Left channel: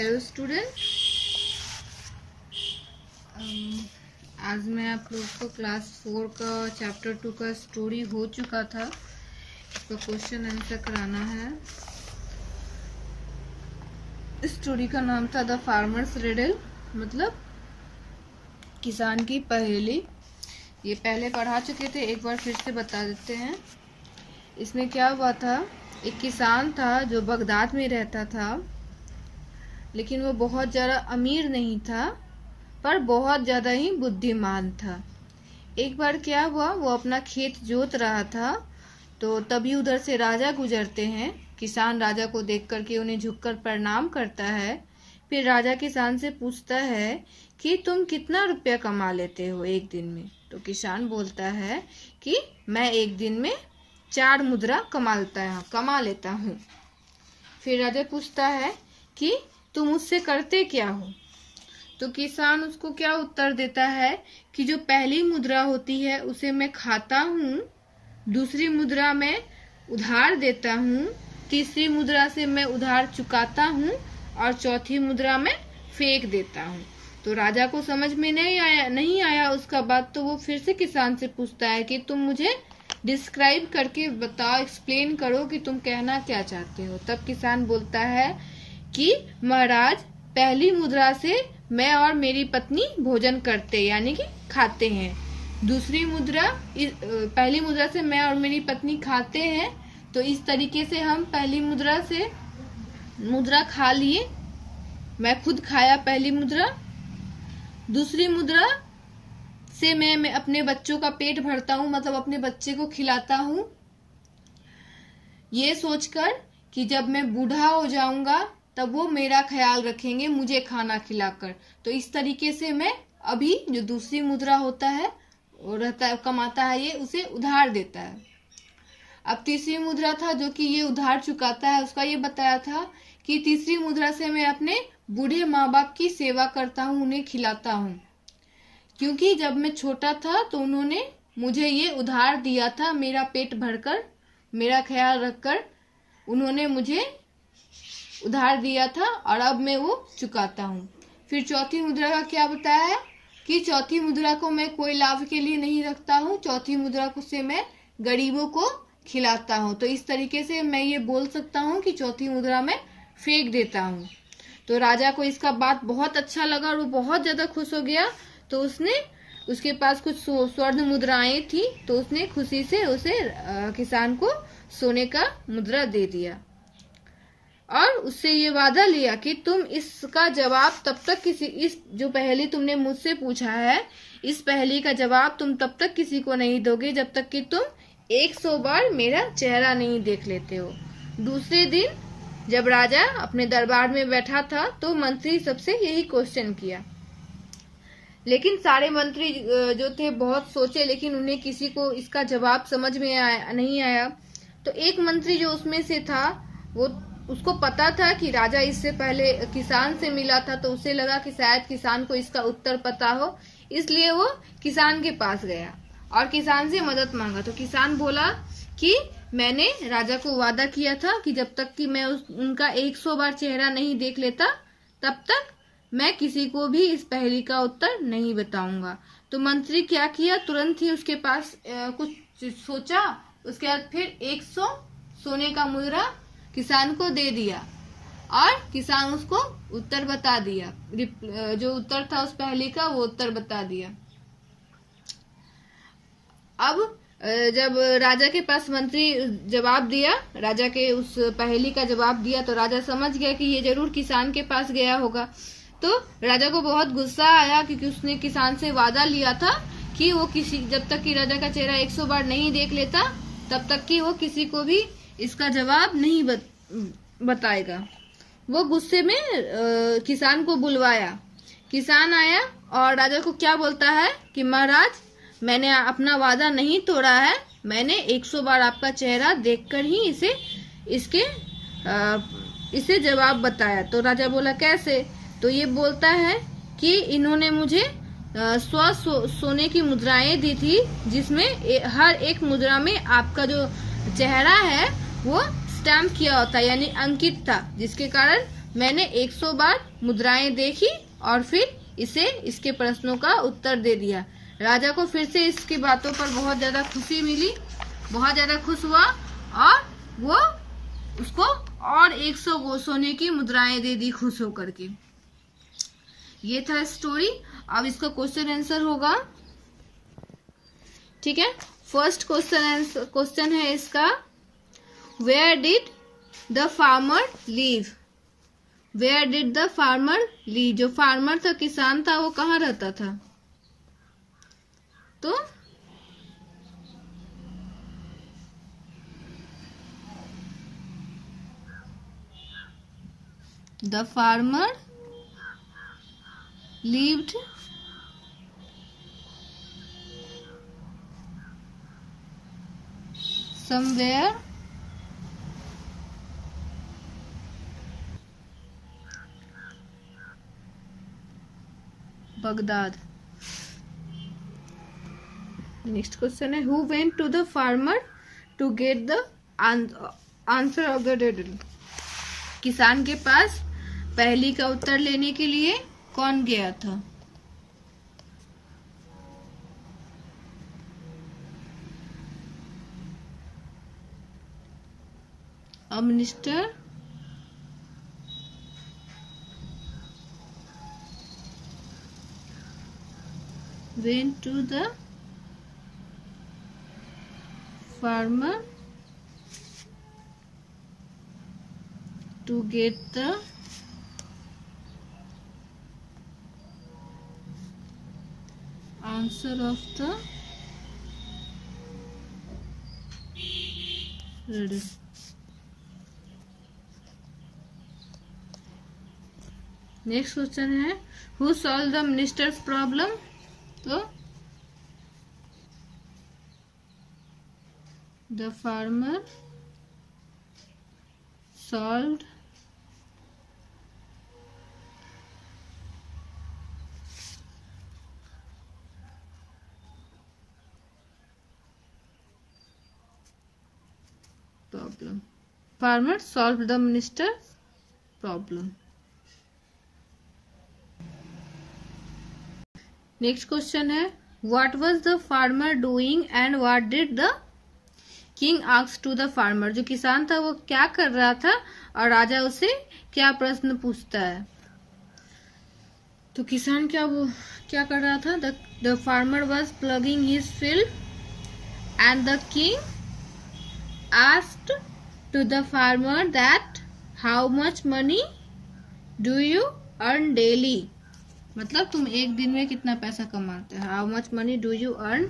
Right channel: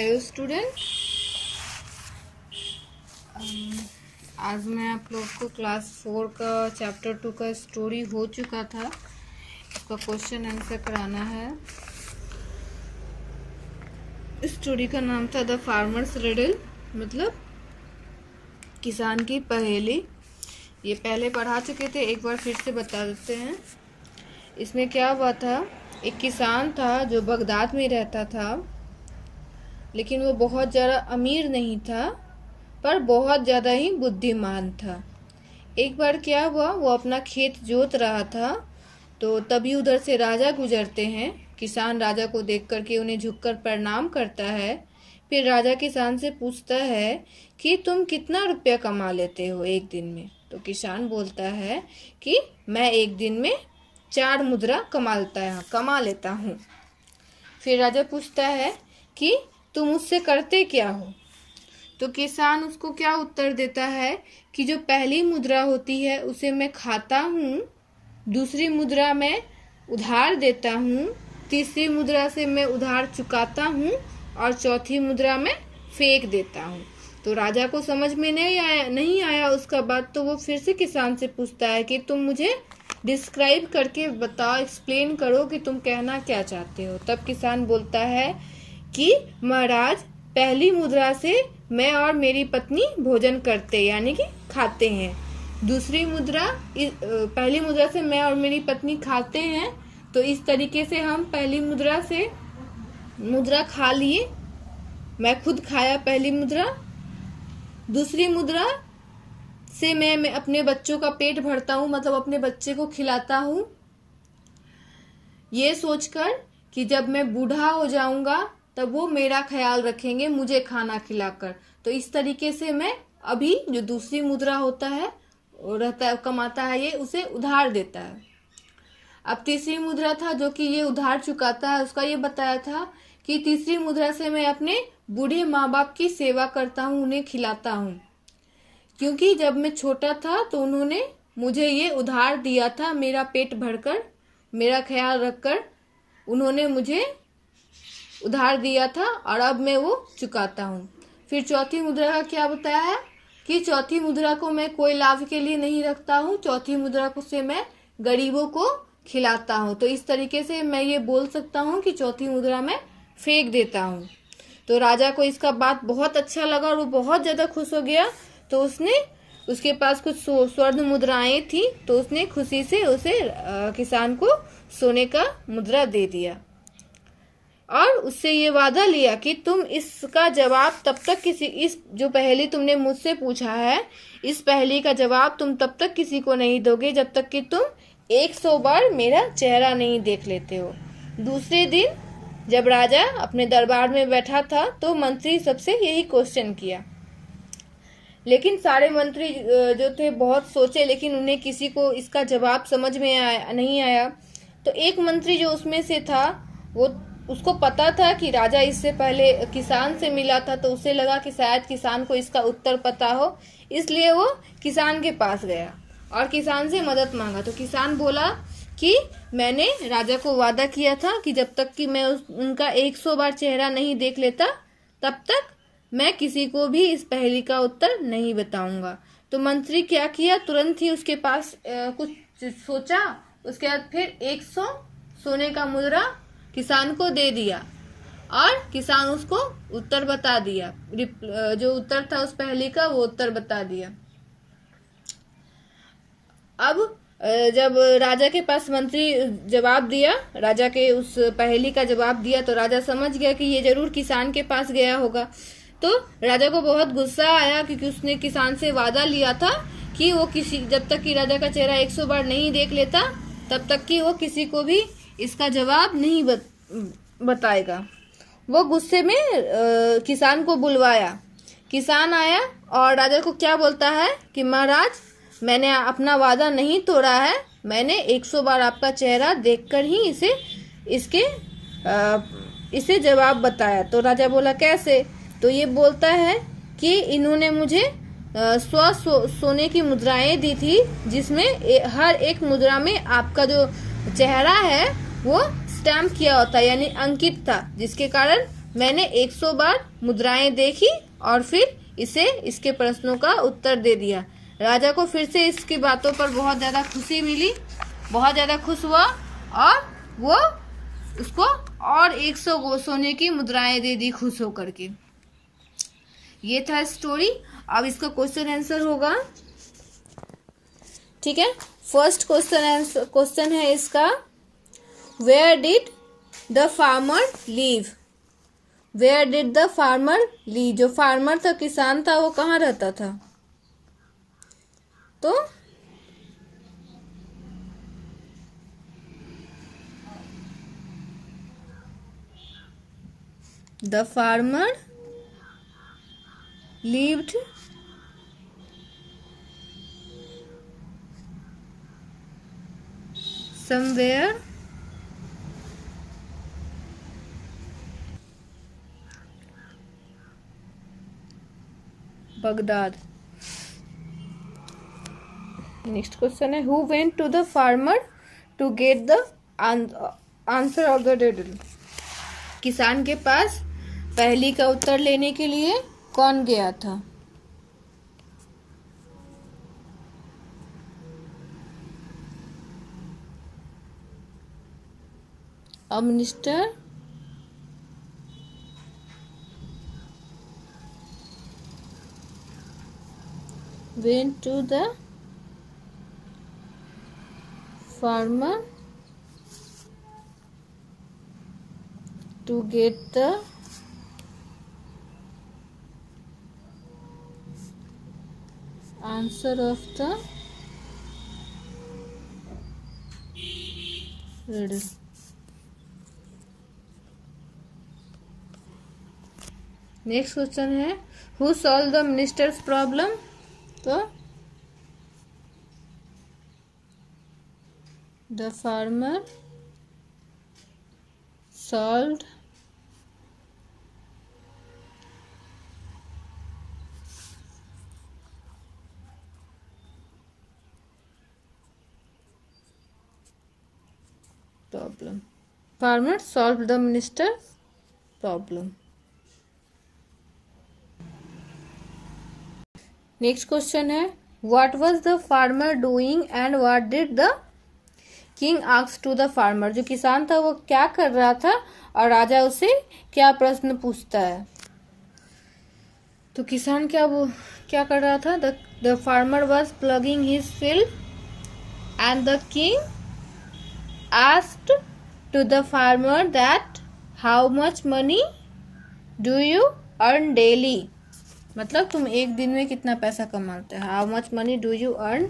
Hello student, आज मैं आप लोग को क्लास 4 का चैप्टर 2 का स्टोरी हो चुका था। इसका क्वेश्चन आंसर कराना है। स्टोरी का नाम था द फार्मर्स रिडल, मतलब किसान की पहेली। ये पहले पढ़ा चुके थे, एक बार फिर से बता देते हैं। इसमें क्या हुआ था, एक किसान था जो बगदाद में रहता था, लेकिन वो बहुत ज़्यादा अमीर नहीं था, पर बहुत ज़्यादा ही बुद्धिमान था। एक बार क्या हुआ, वो अपना खेत जोत रहा था, तो तभी उधर से राजा गुजरते हैं। किसान राजा को देख करके उन्हें झुककर प्रणाम करता है। फिर राजा किसान से पूछता है कि तुम कितना रुपया कमा लेते हो एक दिन में। तो किसान बोलता है कि मैं एक दिन में 4 मुद्रा कमा लेता हूँ। फिर राजा पूछता है कि तुम उससे करते क्या हो। तो किसान उसको क्या उत्तर देता है कि जो पहली मुद्रा होती है उसे मैं खाता हूँ, दूसरी मुद्रा मैं उधार देता हूँ, तीसरी मुद्रा से मैं उधार चुकाता हूँ और चौथी मुद्रा में फेंक देता हूँ। तो राजा को समझ में नहीं आया उसका बात। तो वो फिर से किसान से पूछता है कि तुम मुझे डिस्क्राइब करके बताओ, एक्सप्लेन करो कि तुम कहना क्या चाहते हो। तब किसान बोलता है कि महाराज, पहली मुद्रा से मैं और मेरी पत्नी भोजन करते यानी कि खाते हैं, दूसरी मुद्रा पहली मुद्रा से मैं और मेरी पत्नी खाते हैं। तो इस तरीके से हम पहली मुद्रा से मुद्रा खा लिए, मैं खुद खाया पहली मुद्रा। दूसरी मुद्रा से मैं अपने बच्चों का पेट भरता हूँ, मतलब अपने बच्चे को खिलाता हूँ, ये सोचकर कि जब मैं बूढ़ा हो जाऊंगा तब वो मेरा ख्याल रखेंगे मुझे खाना खिलाकर। तो इस तरीके से मैं अभी जो दूसरी मुद्रा होता है वो रहता है, कमाता है, ये उसे उधार देता है। अब तीसरी मुद्रा था जो कि ये उधार चुकाता है, उसका ये बताया था कि तीसरी मुद्रा से मैं अपने बूढ़े माँ बाप की सेवा करता हूँ, उन्हें खिलाता हूँ, क्योंकि जब मैं छोटा था तो उन्होंने मुझे ये उधार दिया था, मेरा पेट भरकर, मेरा ख्याल रखकर उन्होंने मुझे उधार दिया था और अब मैं वो चुकाता हूँ। फिर चौथी मुद्रा का क्या बताया है कि चौथी मुद्रा को मैं कोई लाभ के लिए नहीं रखता हूँ, चौथी मुद्रा को से मैं गरीबों को खिलाता हूँ। तो इस तरीके से मैं ये बोल सकता हूँ कि चौथी मुद्रा में फेंक देता हूँ। तो राजा को इसका बात बहुत अच्छा लगा और वो बहुत ज्यादा खुश हो गया। तो उसके पास कुछ स्वर्ण मुद्राएं थी, तो उसने खुशी से उसे किसान को सोने का मुद्रा दे दिया और उससे ये वादा लिया कि तुम इसका जवाब तब तक इस जो पहेली तुमने मुझसे पूछा है, इस पहेली का जवाब तुम तब तक किसी को नहीं दोगे जब तक कि तुम 100 बार मेरा चेहरा नहीं देख लेते हो। दूसरे दिन जब राजा अपने दरबार में बैठा था तो मंत्री सबसे यही क्वेश्चन किया, लेकिन सारे मंत्री जो थे बहुत सोचे, लेकिन उन्हें किसी को इसका जवाब समझ में नहीं आया। तो एक मंत्री जो उसमें से था, उसको पता था कि राजा इससे पहले किसान से मिला था, तो उसे लगा कि शायद किसान को इसका उत्तर पता हो, इसलिए वो किसान के पास गया और किसान से मदद मांगा। तो किसान बोला कि मैंने राजा को वादा किया था कि जब तक कि मैं उनका 100 बार चेहरा नहीं देख लेता तब तक मैं किसी को भी इस पहेली का उत्तर नहीं बताऊंगा। तो मंत्री क्या किया, तुरंत ही उसके पास कुछ सोचा, उसके बाद फिर 100 सोने का मुद्रा किसान को दे दिया और किसान उसको उत्तर बता दिया, जो उत्तर था उस पहेली का वो उत्तर बता दिया। अब जब राजा के पास मंत्री जवाब दिया, राजा के उस पहेली का जवाब दिया, तो राजा समझ गया कि ये जरूर किसान के पास गया होगा। तो राजा को बहुत गुस्सा आया, क्योंकि उसने किसान से वादा लिया था कि वो जब तक कि राजा का चेहरा 100 बार नहीं देख लेता तब तक कि वो किसी को भी इसका जवाब नहीं बताएगा। वो गुस्से में किसान को बुलवाया। किसान आया और राजा को क्या बोलता है कि महाराज, मैंने अपना वादा नहीं तोड़ा है, मैंने 100 बार आपका चेहरा देखकर ही इसे जवाब बताया। तो राजा बोला कैसे? तो ये बोलता है कि इन्होंने मुझे 100 सोने की मुद्राएं दी थी, जिसमें हर एक मुद्रा में आपका जो चेहरा है वो स्टैम्प किया होता, यानी अंकित था, जिसके कारण मैंने 100 बार मुद्राएं देखी और फिर इसे इसके प्रश्नों का उत्तर दे दिया। राजा को फिर से इसकी बातों पर बहुत ज्यादा खुशी मिली, बहुत ज्यादा खुश हुआ और वो उसको और 100 सोने की मुद्राएं दे दी खुश होकर के। ये था स्टोरी। अब इसका क्वेश्चन आंसर होगा, ठीक है। फर्स्ट क्वेश्चन है इसका, where did the farmer live? Where did the farmer live? जो फार्मर था, किसान था, वो कहाँ रहता था? तो the farmer lived somewhere Baghdad. Next question है, who went to the farmer to get the answer of the riddle? किसान के पास पहेली का उत्तर लेने के लिए कौन गया था? A minister went to the farmer to get the answer of the riddle. Next question है, who solve the ministers problem? तो the farmer solved problem. Farmer solved the minister's problem. Next question है, what was the farmer doing and what did the king ask to the farmer? जो किसान था वो क्या कर रहा था और राजा उसे क्या प्रश्न पूछता है? तो किसान क्या कर रहा था? The farmer was plugging his field and the king asked to the farmer that how much money do you earn daily? मतलब तुम एक दिन में कितना पैसा कमाते हो? How much money do you earn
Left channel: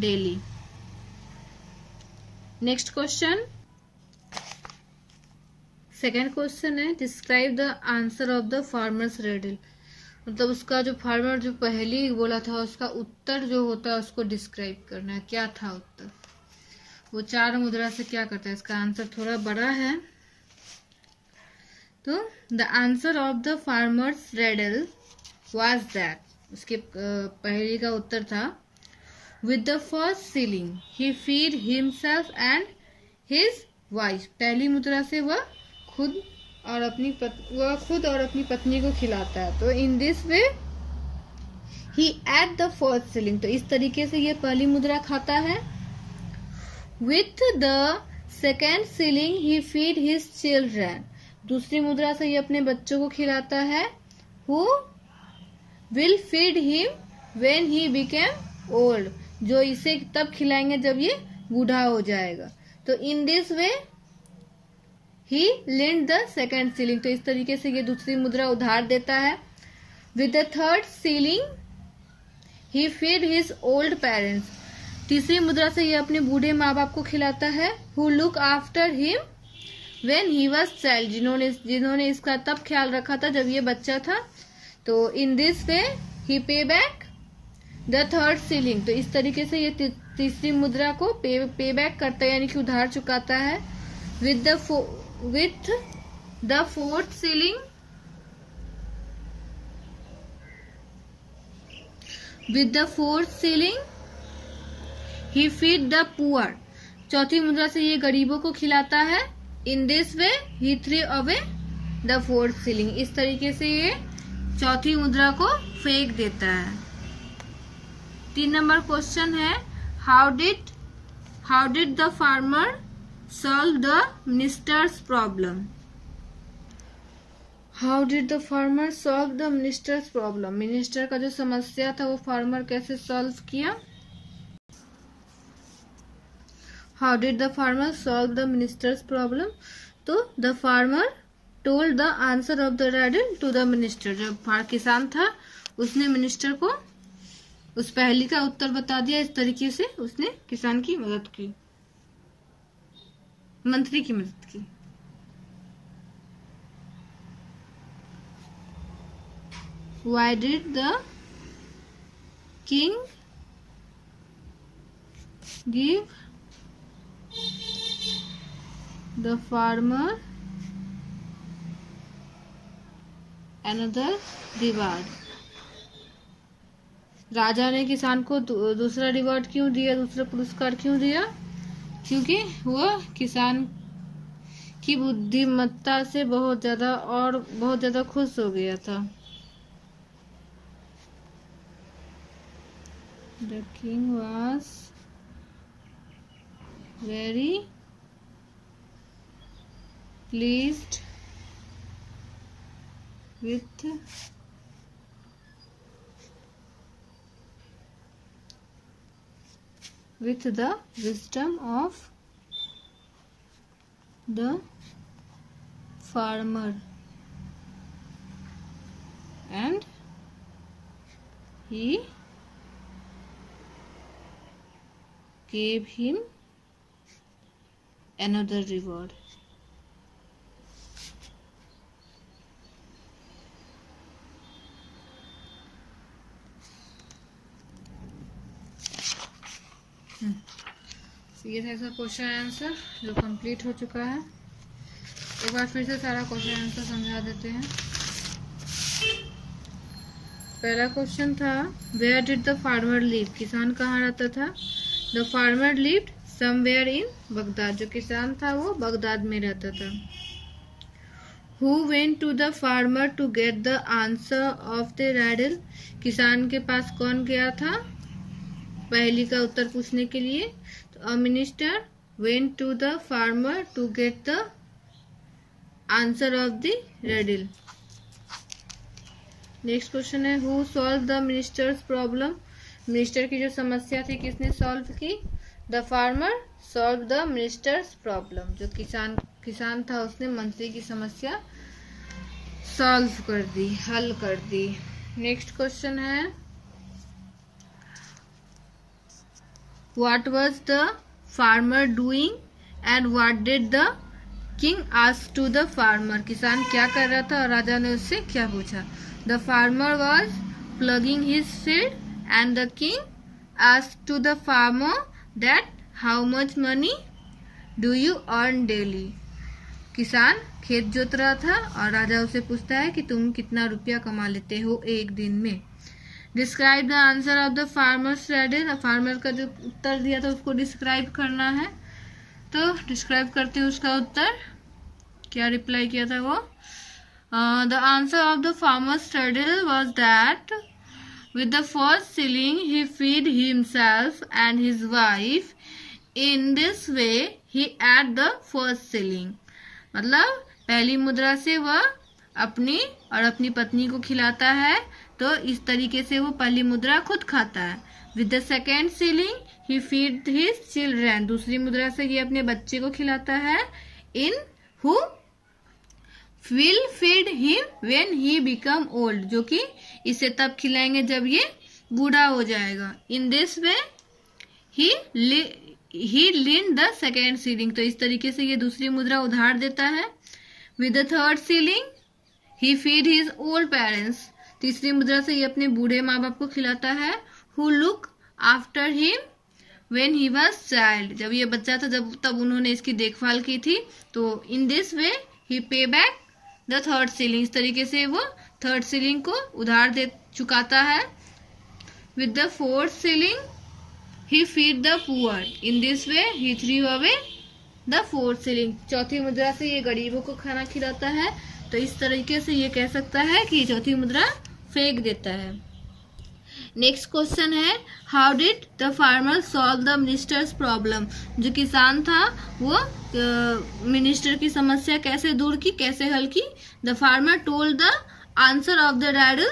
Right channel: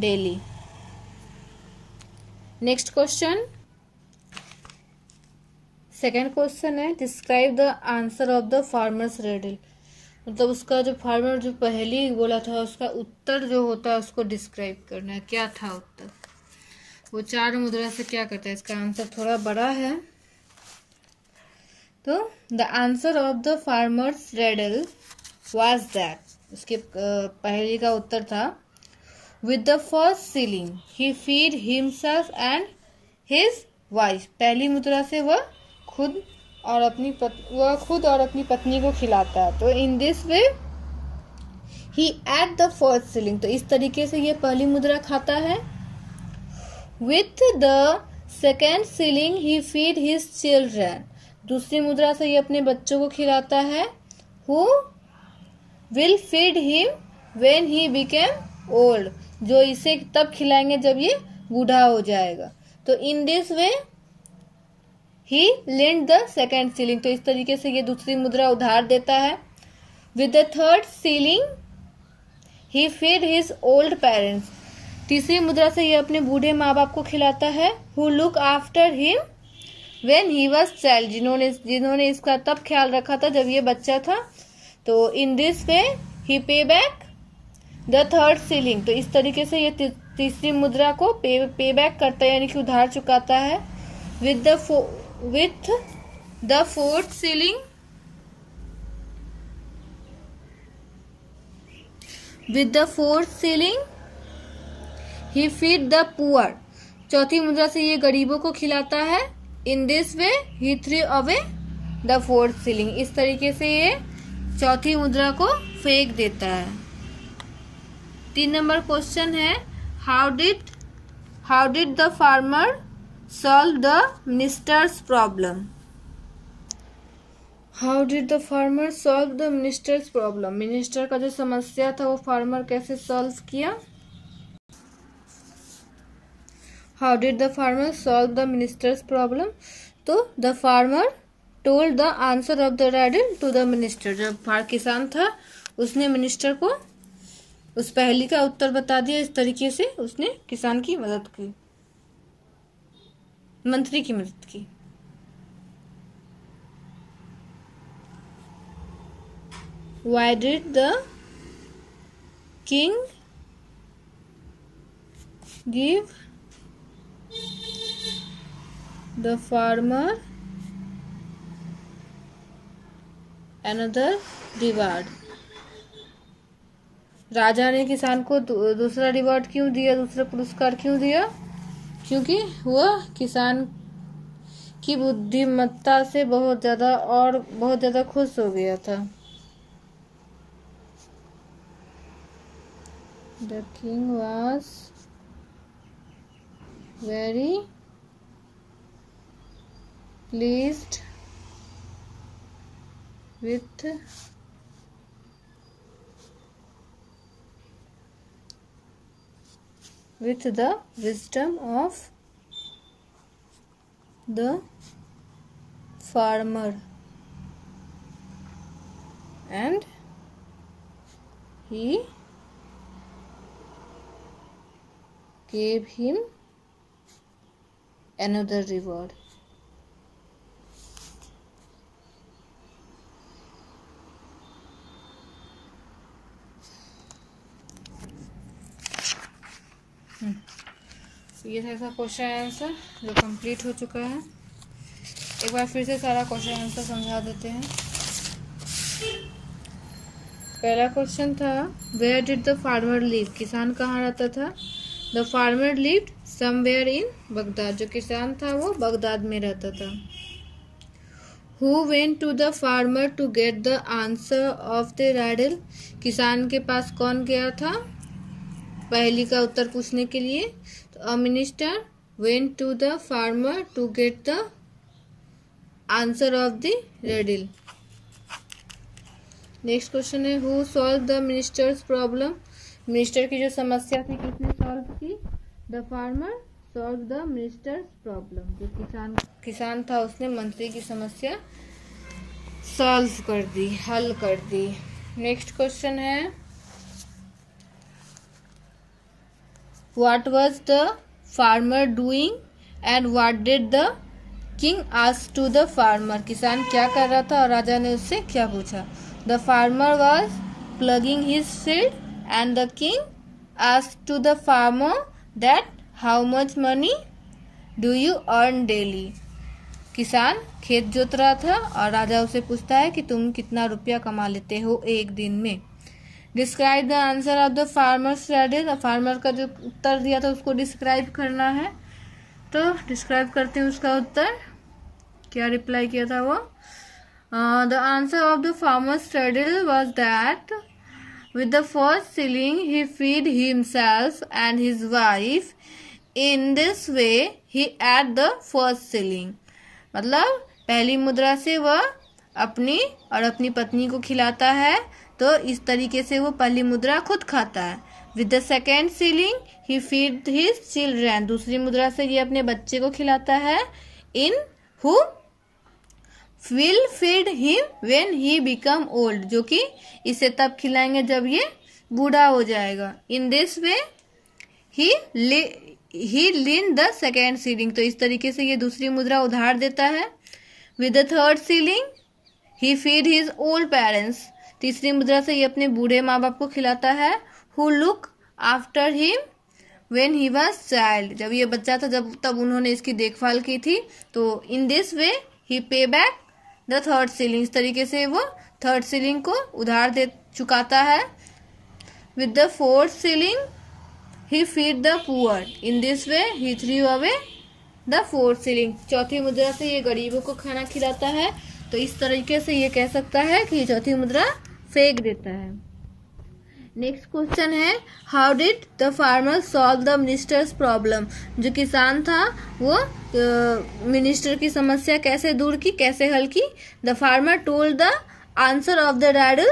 daily? Next question, second question है, describe the answer of the farmer's riddle. मतलब उसका जो फार्मर जो पहली बोला था उसका उत्तर जो होता है उसको डिस्क्राइब करना है। क्या था उत्तर? वो 4 मुद्रा से क्या करता है? इसका आंसर थोड़ा बड़ा है। तो the answer of the farmer's riddle was that, उसके पहली का उत्तर था, with the first ceiling he feed himself and his wife. पहली मुद्रा से वह खुद और अपनी पत्नी को खिलाता है। तो in this way he at the first ceiling, तो इस तरीके से ये पहली मुद्रा खाता है। With the second ceiling he feed his children, दूसरी मुद्रा से ये अपने बच्चों को खिलाता है। Who will feed him when he became old, जो इसे तब खिलाएंगे जब ये बूढ़ा हो जाएगा। तो in this way he lend the second ceiling, तो इस तरीके से ये दूसरी मुद्रा उधार देता है। With the third ceiling he feed his old parents, तीसरी मुद्रा से ये अपने बूढ़े माँ बाप को खिलाता है। Who look after him when he was child, जिन्होंने इसका तब ख्याल रखा था जब ये बच्चा था। तो इन दिस वे ही पे बैक द थर्ड सीलिंग, तो इस तरीके से ये तीसरी मुद्रा को पे बैक करता है, यानी कि उधार चुकाता है। With the fourth ceiling he feed the poor, चौथी मुद्रा से ये गरीबों को खिलाता है। इन this way he three away the fourth ceiling. इस तरीके से ये चौथी मुद्रा को फेंक देता है। 3 नंबर क्वेश्चन है, how did the farmer solve the ministers problem. How did the farmer solve the ministers problem. Minister का जो समस्या था वो फार्मर कैसे सॉल्व किया। हाउ did the farmer solve the ministers problem. तो the farmer told the answer of the riddle to the minister. जब किसान था उसने मिनिस्टर को उस पहेली का उत्तर बता दिया। इस तरीके से उसने किसान की मदद की, मंत्री की मदद की। Why did the king give the farmer another reward। राजा ने किसान को दूसरा रिवॉर्ड क्यों दिया, दूसरा पुरस्कार क्यों दिया। क्योंकि वो किसान की बुद्धिमत्ता से बहुत ज्यादा खुश हो गया था। The king was very pleased with the wisdom of the farmer, and he gave him another reward। ये था ऐसा क्वेश्चन आंसर जो कंप्लीट हो चुका है। एक बार फिर से सारा क्वेश्चन आंसर समझा देते हैं। पहला क्वेश्चन था, where did the farmer live. किसान कहाँ रहता था। The farmer lived somewhere in Baghdad. जो किसान था वो बगदाद में रहता था। Who went to the farmer to get the answer of the riddle. किसान के पास कौन गया था पहेली का उत्तर पूछने के लिए। तो a minister went to the farmer to get the answer of the riddle. Next question है, who solve the ministers problem. Minister की जो समस्या थी किसने सॉल्व की। The farmer solve the ministers problem. जो किसान था उसने मंत्री की समस्या सॉल्व कर दी, हल कर दी। नेक्स्ट क्वेश्चन है, what was the farmer doing and what did the king ask to the farmer. किसान क्या कर रहा था और राजा ने उससे क्या पूछा। The farmer was plugging his field and the king asked to the farmer that how much money do you earn daily। किसान खेत जोत रहा था और राजा उसे पूछता है कि तुम कितना रुपया कमा लेते हो एक दिन में। Describe the answer of the farmers Rydal. Farmer का जो उत्तर दिया था उसको डिस्क्राइब करना है। तो डिस्क्राइब करते हैं उसका उत्तर, क्या रिप्लाई किया था वो। The answer of the farmers Rydal was that with the first shilling he feed himself and his wife। in this way he add the first shilling। मतलब पहली मुद्रा से वह अपनी और अपनी पत्नी को खिलाता है, तो इस तरीके से वो पहली मुद्रा खुद खाता है। with the second shilling he feed his children। दूसरी मुद्रा से ये अपने बच्चे को खिलाता है। in who will feed him when he become old। जो कि इसे तब खिलाएंगे जब ये बूढ़ा हो जाएगा। in this way he lend the second shilling। तो इस तरीके से ये दूसरी मुद्रा उधार देता है। with the third shilling he feed his old parents। तीसरी मुद्रा से ये अपने बूढ़े माँ बाप को खिलाता है। who look after him when he was child। जब ये बच्चा था तब उन्होंने इसकी देखभाल की थी। तो in this way he pay back the third ceiling. इस तरीके से वो थर्ड सीलिंग को उधार दे चुकाता है। With the fourth ceiling he feed the poor. In this way he through away the fourth ceiling, चौथी मुद्रा से ये गरीबों को खाना खिलाता है। तो इस तरीके से ये कह सकता है कि चौथी मुद्रा फेंक देता है। नेक्स्ट क्वेश्चन है, how did the farmer solve the ministers problem, जो किसान था वो मिनिस्टर की समस्या कैसे दूर की, कैसे हल की। The farmer told the answer of the riddle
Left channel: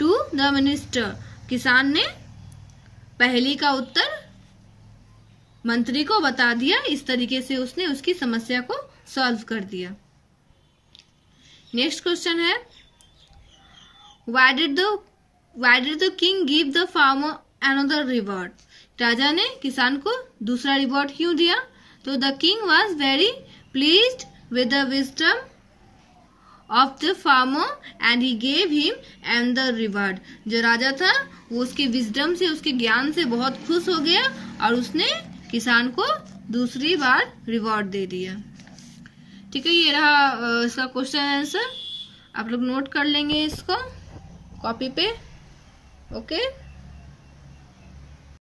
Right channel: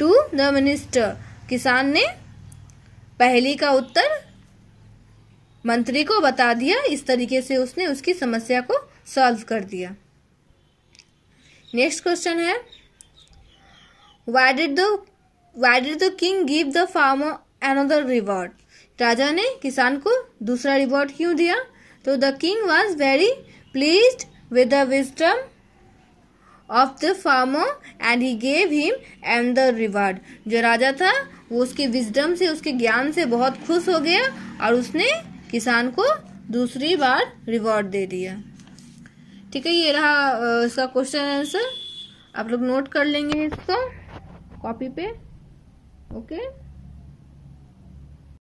to the minister, किसान ने पहेली का उत्तर मंत्री को बता दिया। इस तरीके से उसने उसकी समस्या को सॉल्व कर दिया। नेक्स्ट क्वेश्चन है, why did the king give the farmer another reward, राजा ने किसान को दूसरा रिवॉर्ड क्यों दिया। तो the king was very pleased with the wisdom of the farmer and he gave him another reward, जो राजा था वो उसके विजडम से, उसके ज्ञान से बहुत खुश हो गया और उसने किसान को दूसरी बार रिवॉर्ड दे दिया। ठीक है, ये रहा इसका क्वेश्चन आंसर। आप लोग नोट कर लेंगे इसको कॉपी पे। ओके।